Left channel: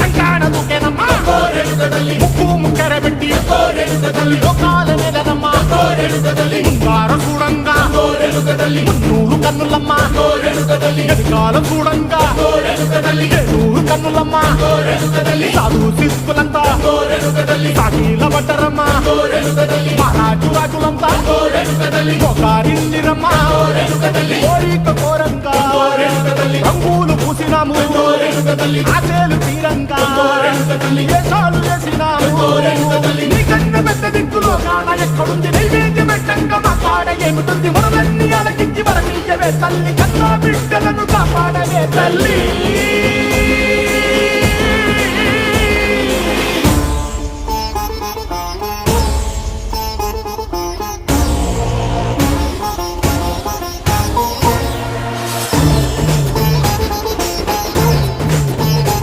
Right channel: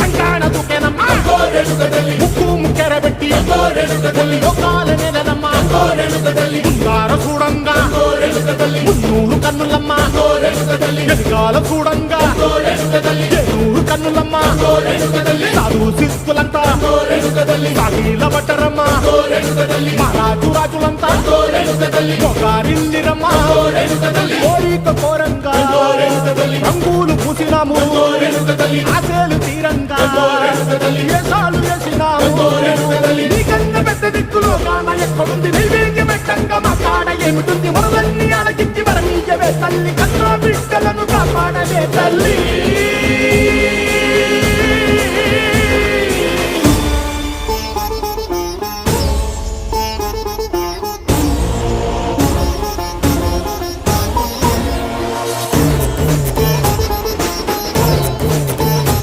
రంగాణ దూకేనమ్మా ముక్కు ముక్కెరబెట్టి ముల్లోకాల నెలనమ్మా ముందార చూడంగా మున్నూరు కన్నులమ్మా ఎనకాల చూడంగా ఏనూరు కన్నులమ్మా సాధు సిద్ధులంతా సాగిల బట్టరమ్మా మహారాజు రాజులంతా మొగారిల్లిరమ్మా కోరిక కోరంగా రంగులు పూసినాము ఆశలు తీరంగా వేషాలు వేసినాము నీకన్నా పెద్ద దిక్కులో కాన ఎక్కడుంది నైవేద్యం పెట్టంగా మా కాడ ఏమిటుంది మనలన్నీ అలకిచ్చి వరమీయవే తల్లి కన్నా బిడ్డలను కాపాడవే తల్లి